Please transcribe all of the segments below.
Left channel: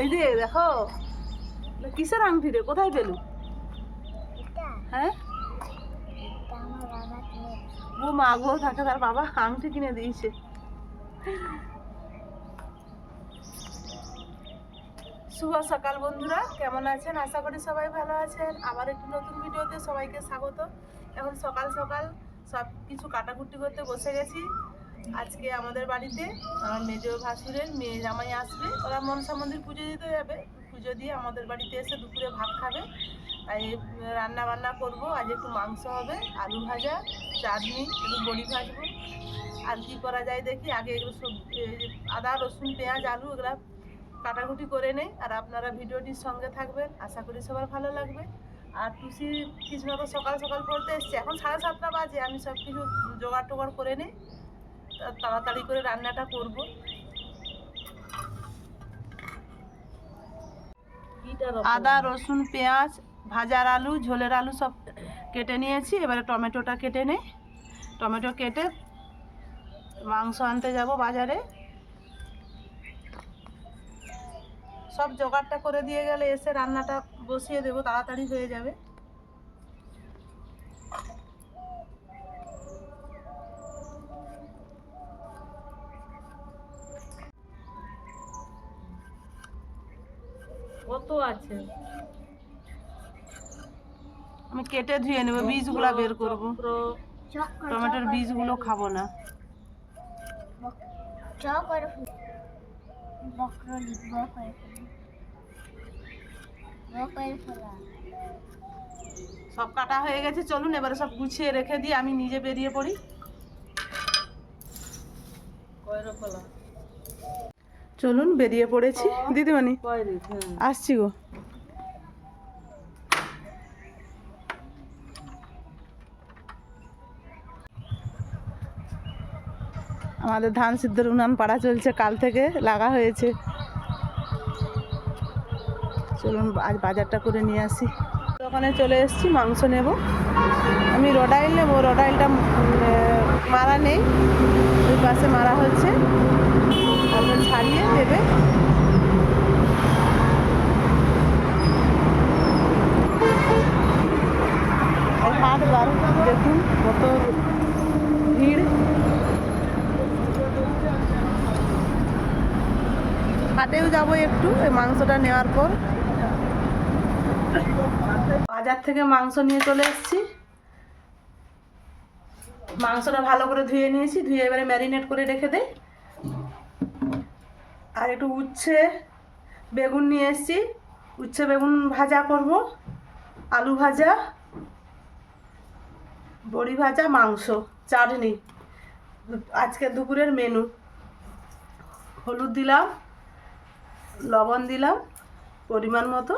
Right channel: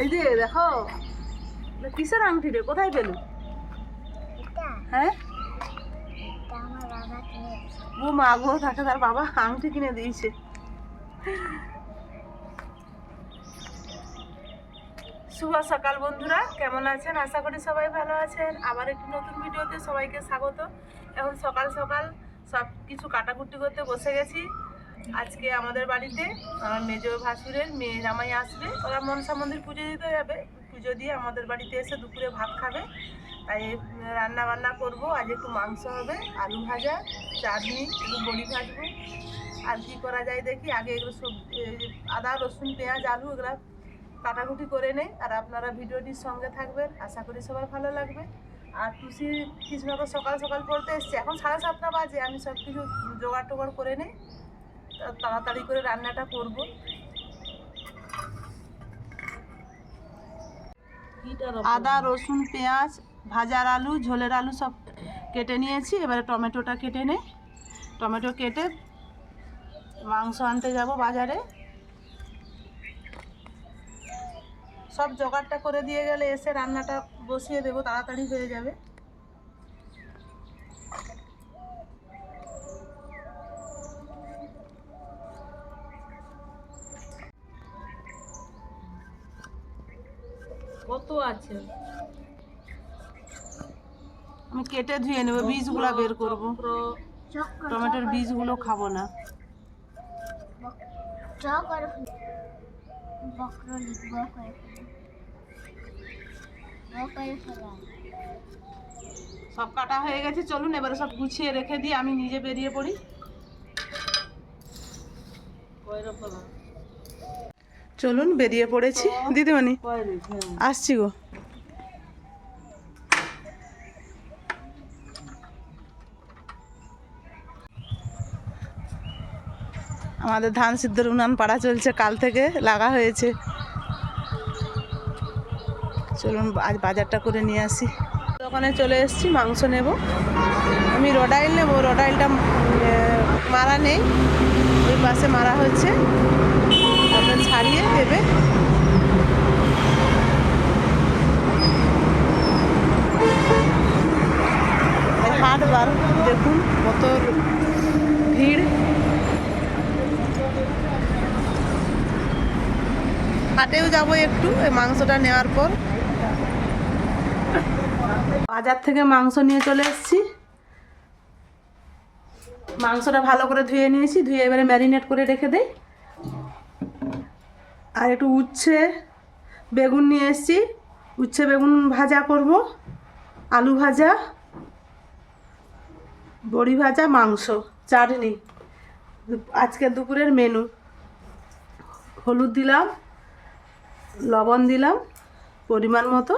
এই যে দেখো কিসের আংটি রে, কোথায় পেলু? হ্যাঁ ও মা গো, তাকে তার বাবা আংটি কিনে দিয়েছে। শুভ সকাল বন্ধুরা, কেমন আছেন? আশা করি সবাই ভালো আছেন। আবার একটি নতুন ভিডিওতে সবাইকে স্বাগত। এখন সকাল সকাল সব কিছু কাটাকুটি করতে বসে গেছি। আজকে আমাদের বাড়িতে আমার মেজ ভাসুরের মেয়ে জামাই আসবে, ওরা মনসা মন্দির পুজো দিতে যাবে। পুজো দিয়ে আমাদের বাড়িতে এসে দুপুরে ভাত খাবে, তাই রান্না বান্না করব। আজ একটু মাংস হবে, আলু ভাজা, চাটনি, একটু বড়ি ভাজবো। আর কি করা যায় দেখি। আগে এগুলো সব আদা রসুন পেঁয়াজ আলু এগুলো কাটাকুটি করে নেই। আর আপনারা ভিডিওটির সঙ্গে থাকবেন, আশা করি সবার ভালো লাগবে। আর টুসি কৃষ্ণ তো সকাল সকাল পড়তে এসছে, এখন 7:30 বাজে। আমি সব কিছু জোগাড় টোগাড় করে নেই, তাড়াতাড়ি করে রান্নাটা করব। আদা রসুন পেঁয়াজ ভাজার আলু ঝোলের আলু সব কেটে নিয়েছি। এবারে টমেটোটা কেটে নেই। টমেটো কেটে মাংস আনতে যাব বাজারে। সব জোগাড়টা করে দিয়ে গেলে এসে রান্নাটা বসিয়ে দেবো, তাড়াতাড়ি হয়ে যাবে। কত আছে? আমি কেটে ধুয়ে নেবো, বীজগুলো বের করবো। টমেটোর বীজগুলো খাবো না। সব কাটা হয়ে গেছে, চলুন এবারে সব গুছিয়ে রেখে দিয়ে আমি নিজে বেরিয়ে পড়ি। চলুন বেরিয়ে পড়েছি দিদিমণি, আসছি গো। আমাদের ধান সিদ্ধর উনান পাড়া চলছে, কাল থেকে লাগা হয়েছে। চলুন আজ বাজারটা করে নিয়ে আসি। দোকানে চলে এসেছি, মাংস নেব। আমি রডাইল নেব, রডাইলটা মারা নেই, ওই পাশে মারা হচ্ছে, আপনার ছাড়িয়ে দেবে। হাট বার দেখুন কত ভিড়। হাটেও যাবো একটু এই মাংসটা নেওয়ার পর। বাজার থেকে মাংস নিয়ে চলে এসেছি। মাংসটা ভালো করে ধুয়ে নিয়েছি, ধুয়ে এবারে ম্যারিনেট করে রেখে দেই। আর একটু উচ্ছে বেগুন নিয়ে এসেছি, উচ্ছে বেগুন ভাজা করব, আলু ভাজা, বড়ি ভাজা, মাংস, চাটনি। আজকে দুপুরের মেনু। হলুদ দিলাম, লবণ দিলাম পরিমাণ মতো,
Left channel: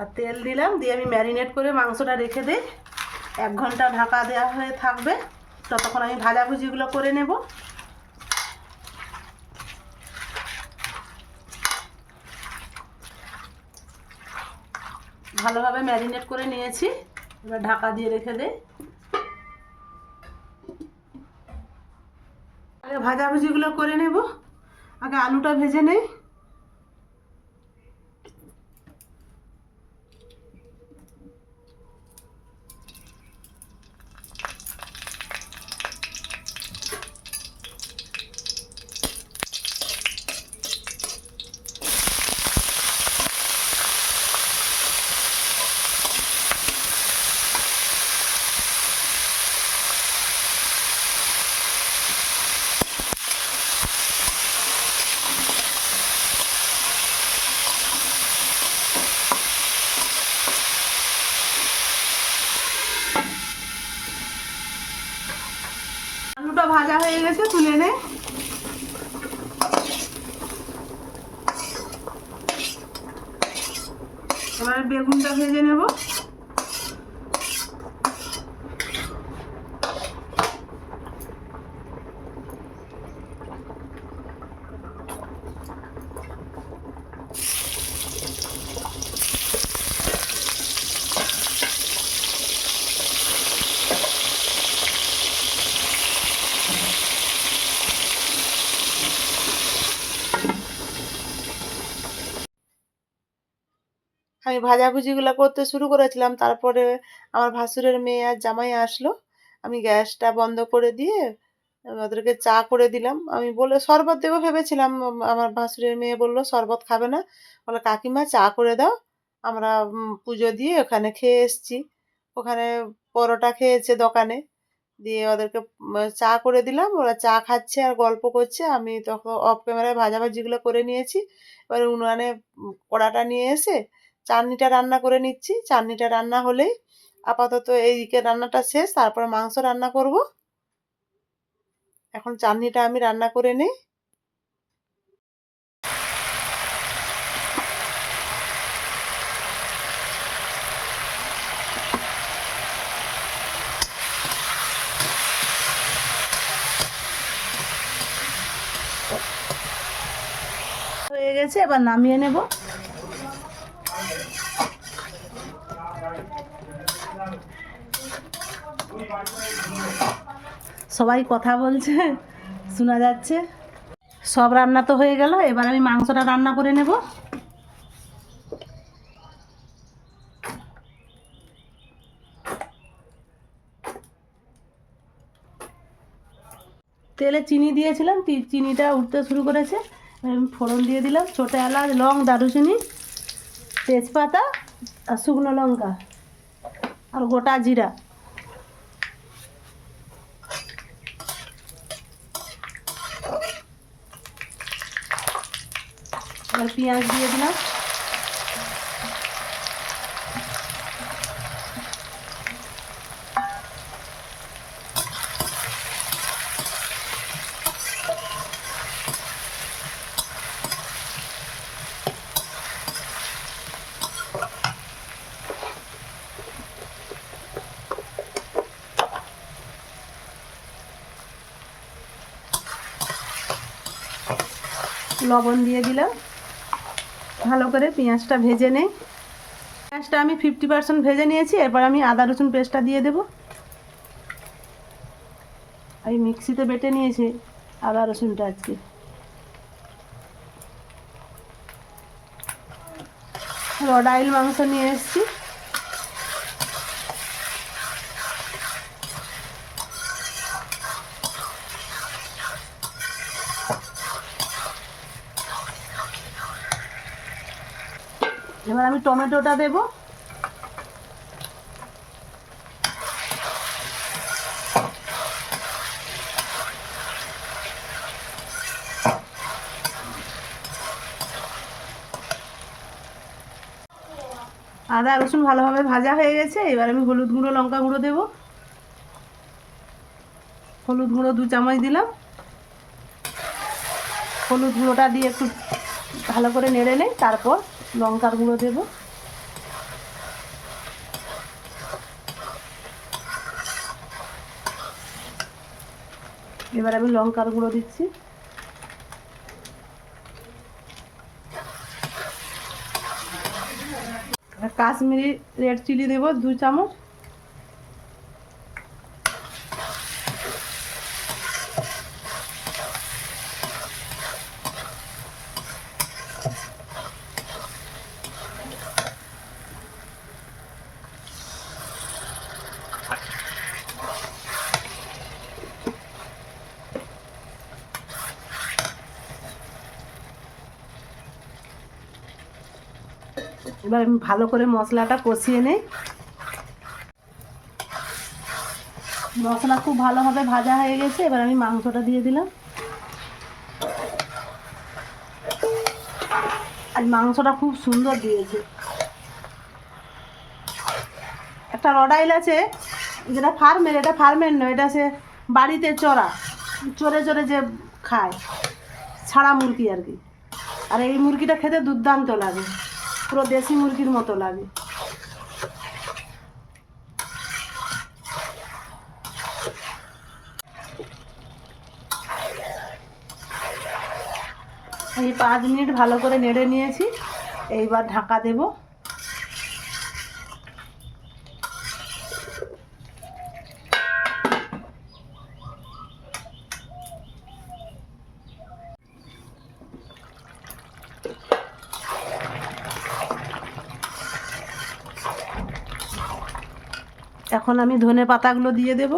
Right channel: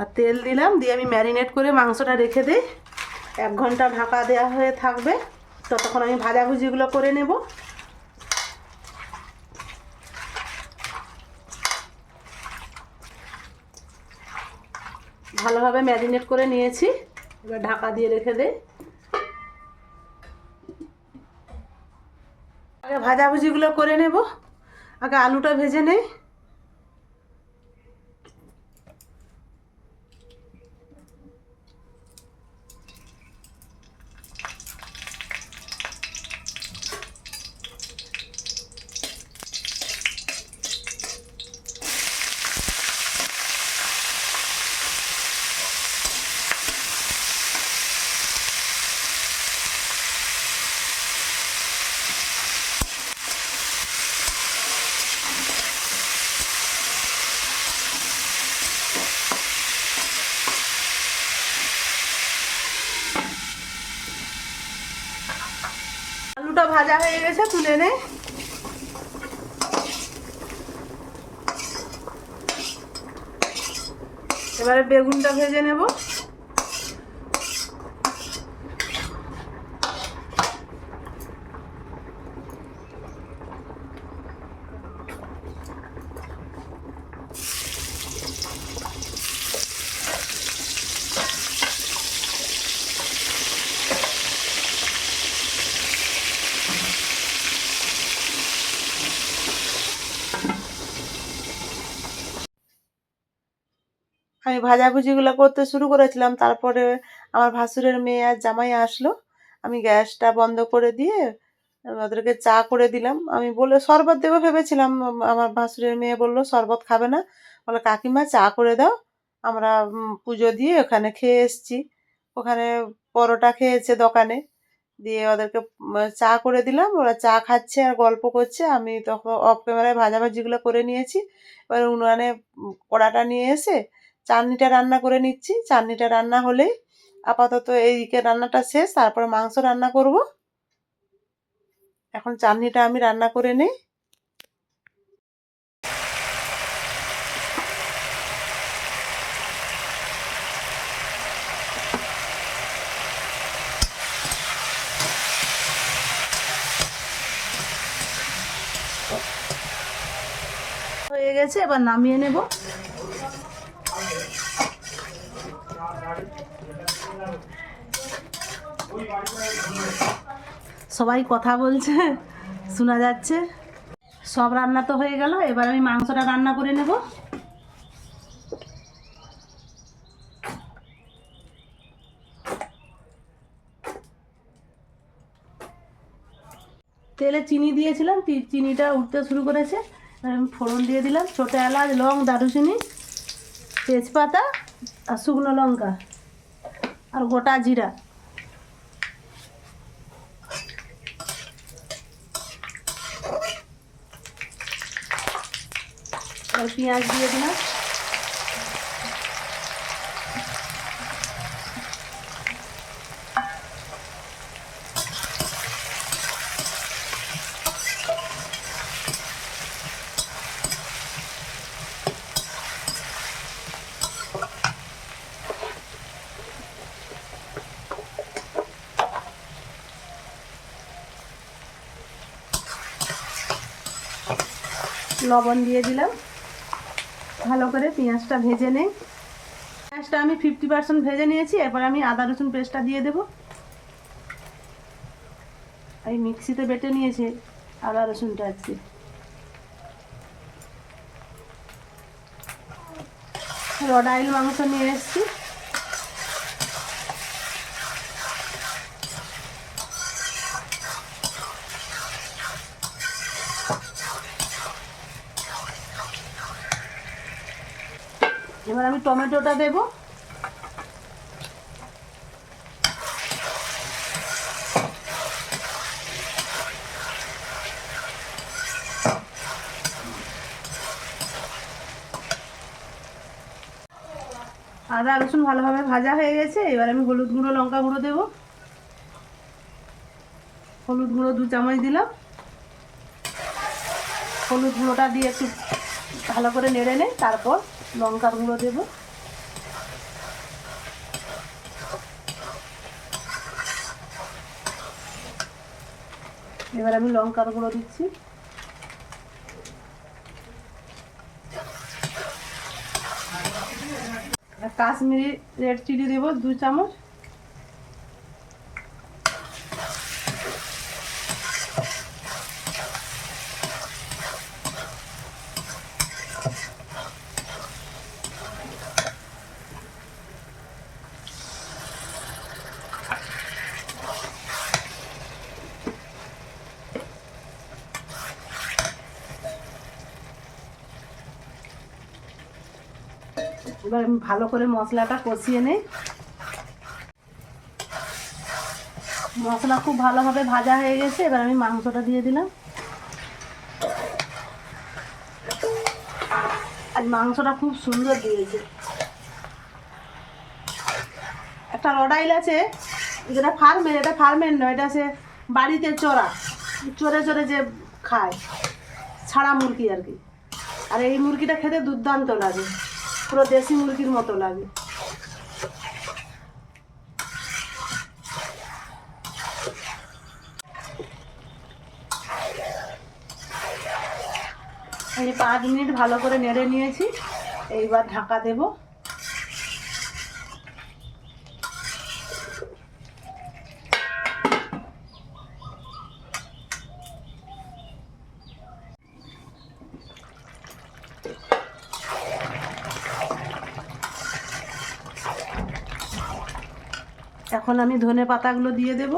আর তেল দিলাম। দিয়ে আমি ম্যারিনেট করে মাংসটা রেখে দেই। 1 ঘন্টা ঢাকা দেওয়া হয়ে থাকবে, ততক্ষণ আমি ভাজাভুজিগুলো করে নেব। ভালোভাবে ম্যারিনেট করে নিয়েছি, এবার ঢাকা দিয়ে রেখে দেই। আগে ভাজাভুজিগুলো করে নেব, আগে আলুটা ভেজে নেই। আলুটা ভাজা হয়ে গেছে, তুলে নে। এবারে বেগুনটা ভেজে নেব। আমি ভাজাভুজিগুলো করতে শুরু করেছিলাম, তারপরে আমার ভাসুরের মেয়ে আর জামাই আসলো। আমি গ্যাসটা বন্ধ করে দিয়ে ওদেরকে চা করে দিলাম। আমি বলে শরবত দেবো ভেবেছিলাম, আমার ভাসুরের মেয়ে বলল শরবত খাবে না, বলে কাকিমা চা করে দাও। আমরা পুজো দিয়ে ওখানে খেয়ে এসছি। ওখানে পরোটা খেয়েছে দোকানে, দিয়ে ওদেরকে চা করে দিলাম। ওরা চা খাচ্ছে আর গল্প করছে। আমি তখন অফ ক্যামেরায় ভাজাভাজিগুলো করে নিয়েছি। এবার উনুনে কড়াটা নিয়ে এসে চাটনিটা রান্না করে নিচ্ছি। চাটনিটা রান্না হলেই আপাতত এইদিকে রান্নাটা শেষ, তারপরে মাংস রান্না করব। এখন চাটনিটা আমি রান্না করে নিই। হয়ে গেছে, এবার নামিয়ে নেব। সবাই কথা বলছে, শোনা যাচ্ছে। সব রান্না তো হয়ে গেল, এবার আমি মাংসটা রান্না করে নেব। তেলে চিনি দিয়েছিলাম, চিনিটা উঠতে শুরু করেছে। আমি ফোড়ন দিয়ে দিলাম, ছোটো এলাচ, লং, দারুচিনি, তেজপাতা আর শুকনো লঙ্কা আর গোটা জিরা। আর পেঁয়াজ দিয়ে দিলাম। লবণ দিয়ে দিলাম। ভালো করে পেঁয়াজটা ভেজে নেই। পেঁয়াজটা আমি 50% ভেজে নিয়েছি। এরপর আমি আদা রসুন পেস্টটা দিয়ে দেব। এই মিক্সিতে বেটে নিয়েছে আদা রসুনটা আজকে। ডাইল মাংস নিয়ে এসেছি। এবার আমি টমেটোটা দেব। আদা রসুন ভালোভাবে ভাজা হয়ে গেছে। এবার আমি হলুদ গুঁড়ো, লঙ্কা গুঁড়ো দেব। হলুদ গুঁড়ো 2 চামচ দিলাম। হলুদ গুঁড়োটা দিয়ে একটু ভালো করে নেড়ে নেই, তারপর লঙ্কার গুঁড়ো দেব। এবার আমি লঙ্কার গুঁড়ো দিচ্ছি। কাশ্মীরি রেড চিলি দেব 2 চামচ। এবার আমি ভালো করে মশলাটা কষিয়ে নেই। মশলা খুব ভালোভাবে ভাজা হয়ে গেছে। এবার আমি মাংসটা দিয়ে দিলাম। আর মাংসটা খুব সুন্দর দিয়েছে। একটা রডাইল আছে, যেটা ফার্মের, এটা ফার্মের নয়, এটা সে বাড়িতে চড়ে চড়ে যে খায়, ছাড়া মুরগি আর কি। আর এই মুরগিটা খেতে দুর্দান্ত লাগে, পুরো দেশি মুরগির মতো লাগে। এই 5 মিনিট ভালো করে নেড়ে নিয়েছি। এইবার ঢাকা দেব। এখন আমি ধনে পাতাগুলো দিয়ে দেব।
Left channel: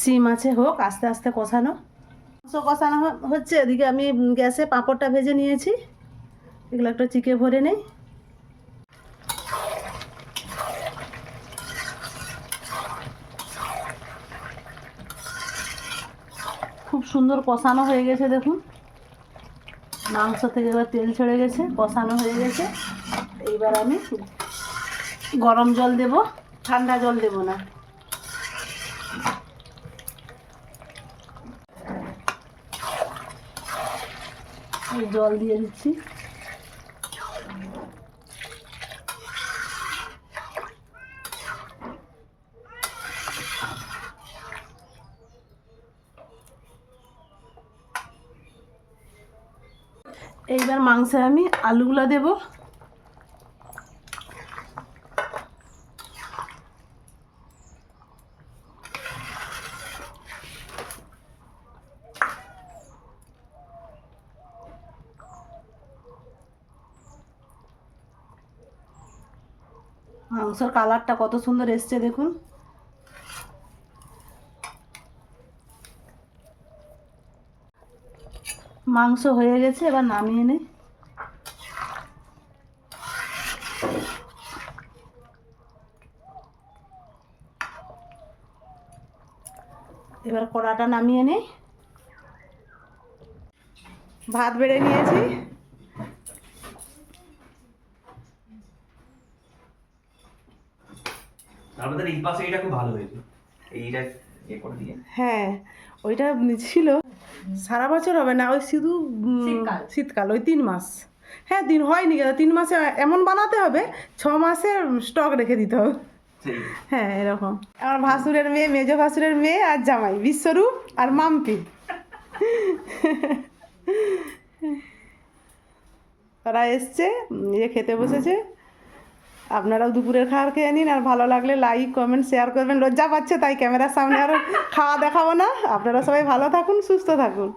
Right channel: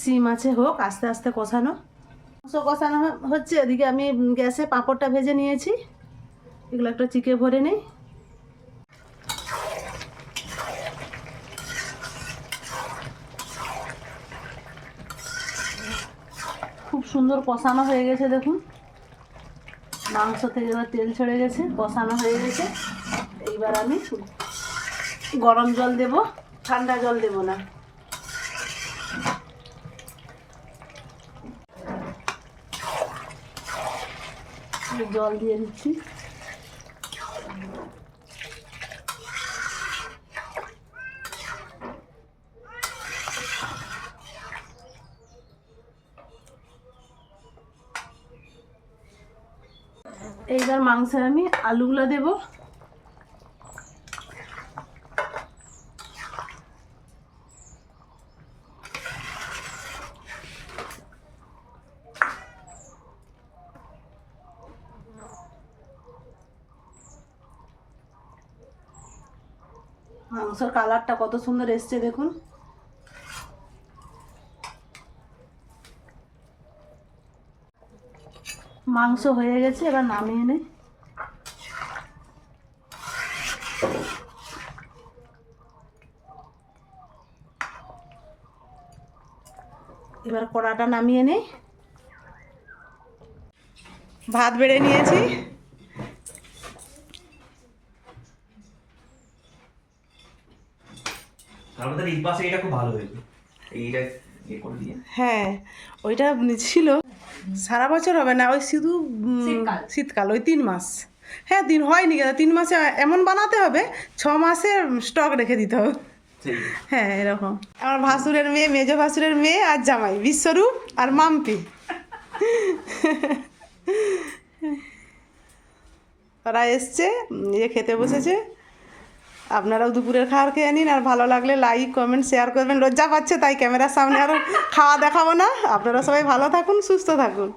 সিম আছে, হোক আস্তে আস্তে কষানো। কষানো হচ্ছে, এদিকে আমি গ্যাসে পাঁপড়টা ভেজে নিয়েছি, এগুলো একটু চিকে ভরে নেই। খুব সুন্দর কষানো হয়ে গেছে, দেখুন মাংস থেকে এবার তেল ছেড়ে গেছে, কষানো হয়ে গেছে। এইবার আমি গরম জল দেব, ঠান্ডা জল দেব না। জল দিয়ে দিচ্ছি। এইবার মাংসে আমি আলুগুলো দেব। মাংসের কালারটা কত সুন্দর এসছে দেখুন। মাংস হয়ে গেছে, এবার নামিয়ে নেই। এবার কড়াটা নামিয়ে নেই। ভাত বেড়ে নিয়েছি। হ্যাঁ, ওইটা ছিল সারা বছর হবে না, ওই শুধু শীতকাল, ওই 3 মাস। হ্যাঁ, দিন হয়নি কেন, 3 মাসে এমন বানাতে হবে, 6 মাসে স্টক রেখে দিতে হবে। হ্যাঁ, এরকম। আমার ভাসুরের মেয়ে, মেজো ভাসুরের মেয়ে আর জামাই বিশ্বরূপ আর মাম্পি, তারা এসছে, খেতে বসেছে। আপনারাও দুপুরের খাবার খেয়ে নিন, আর ভালো লাগলে লাইক কমেন্ট শেয়ার করবেন। লজ্জা পাচ্ছে তাই ক্যামেরার সামনে আর খাওয়া দেখাবো না। আপনারা সবাই ভালো থাকুন, সুস্থ থাকুন।